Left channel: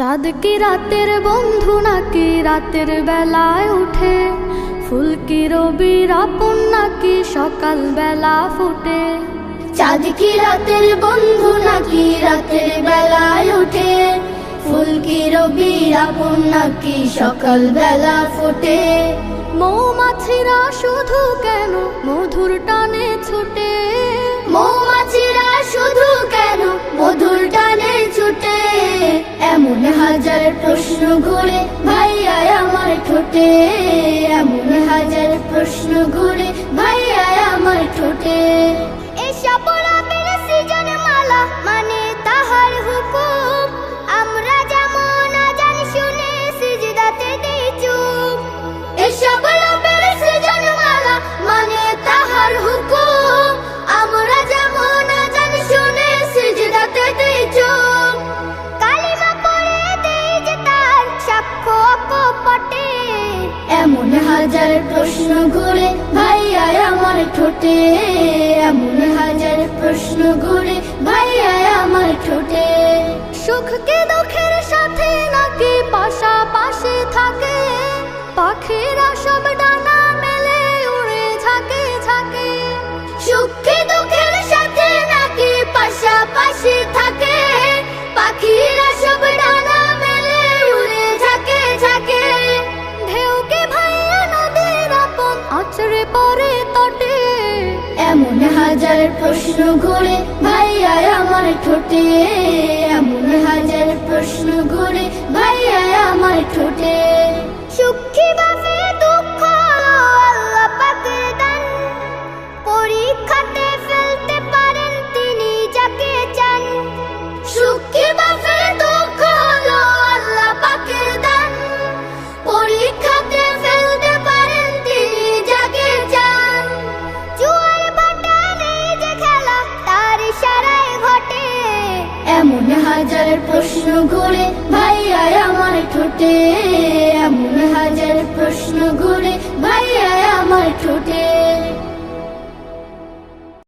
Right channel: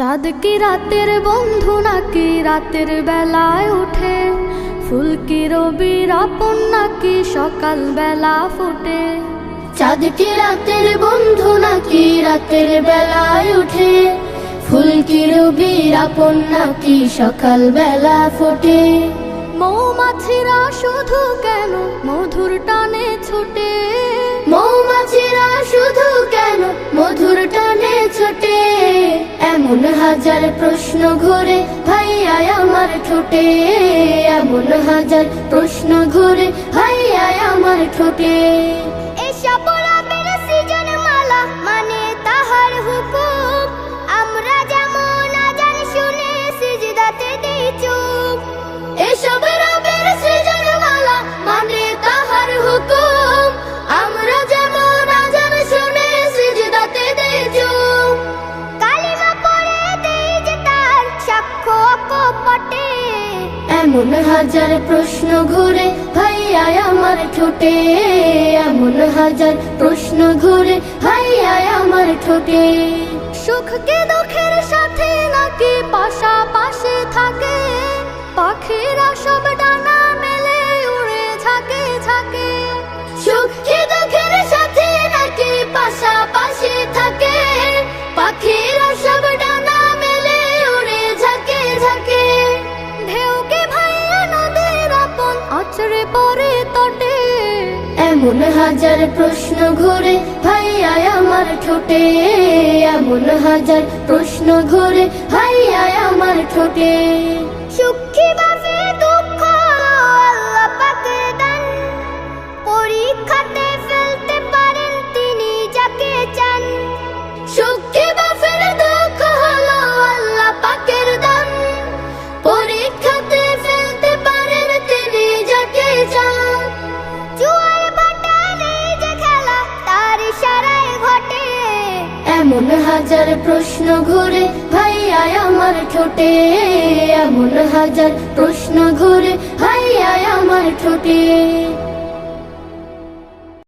চাঁদ কি রাতের বন্ধু নাকি রাতের বেলায় উঠে? ফুল কি রবির আপন নাকি সকাল বেলা ফোটে? চাঁদ কি রাতের বন্ধু নাকি রাতের বেলায় ওঠে? ফুল কি রবির আপন নাকি সকাল বেলা ফোটে? মৌমাছিরা শুধু কেন মধুর টানে ছুটে? মৌমাছিরা শুধু কেন মধুর টানে ছোটে? এমন হাজার প্রশ্ন ঘুরে ভাইয়া আমার ঠোঁটে, এমন হাজার প্রশ্ন ঘুরে ভাইয়া আমার ঠোঁটে। এসব রবের সৃজন মালা মানে তাহার হুকুম, আমরা যেমন আজান শুনে সিজদাতে দেই চুপ। এসব রবের সৃজন মালা মানে তাহার হুকুম, আমরা যেমন আজান শুনে সিজদাতে দেই চুপ। কালিমা পড়ে দেই যে তার সাক্ষ্য অকপটে, এমন হাজার প্রশ্ন ঘুরে ভাইয়া আমার ঠোঁটে, এমন হাজার প্রশ্ন ঘুরে ভাইয়া আমার ঠোঁটে। সুখ কি দুঃখের সাথে নাকি পাশাপাশি থাকে? পাখিরা সব ডানা মেলে উড়ে ঝাঁকে ঝাঁকে। সুখ কি দুঃখের সাথে নাকি পাশাপাশি থাকে? পাখিরা সব ডানা মেলে উড়ে ঝাঁকে ঝাঁকে। ঢেউ কি ভাইয়া নদীর আপন আছড়ে পড়ে তটে? এমন হাজার প্রশ্ন ঘুরে ভাইয়া আমার ঠোঁটে, এমন হাজার প্রশ্ন ঘুরে ভাইয়া আমার ঠোঁটে। সুখী বাফে দুঃখ আল্লাহ পাকের দান, পরীক্ষাতে ফেলতে পারেন তিনি যাকে চান। সুখী বাফে দুঃখ হলো আল্লাহ পাকের দান, পরীক্ষাতে ফেলতে পারেন তিনি যাকে চান। জুয়ার ভাটা নেই যে খেলা তার ইশারায় ঘটে, এমন হাজার প্রশ্ন ঘুরে ভাইয়া আমার ঠোঁটে, এমন হাজার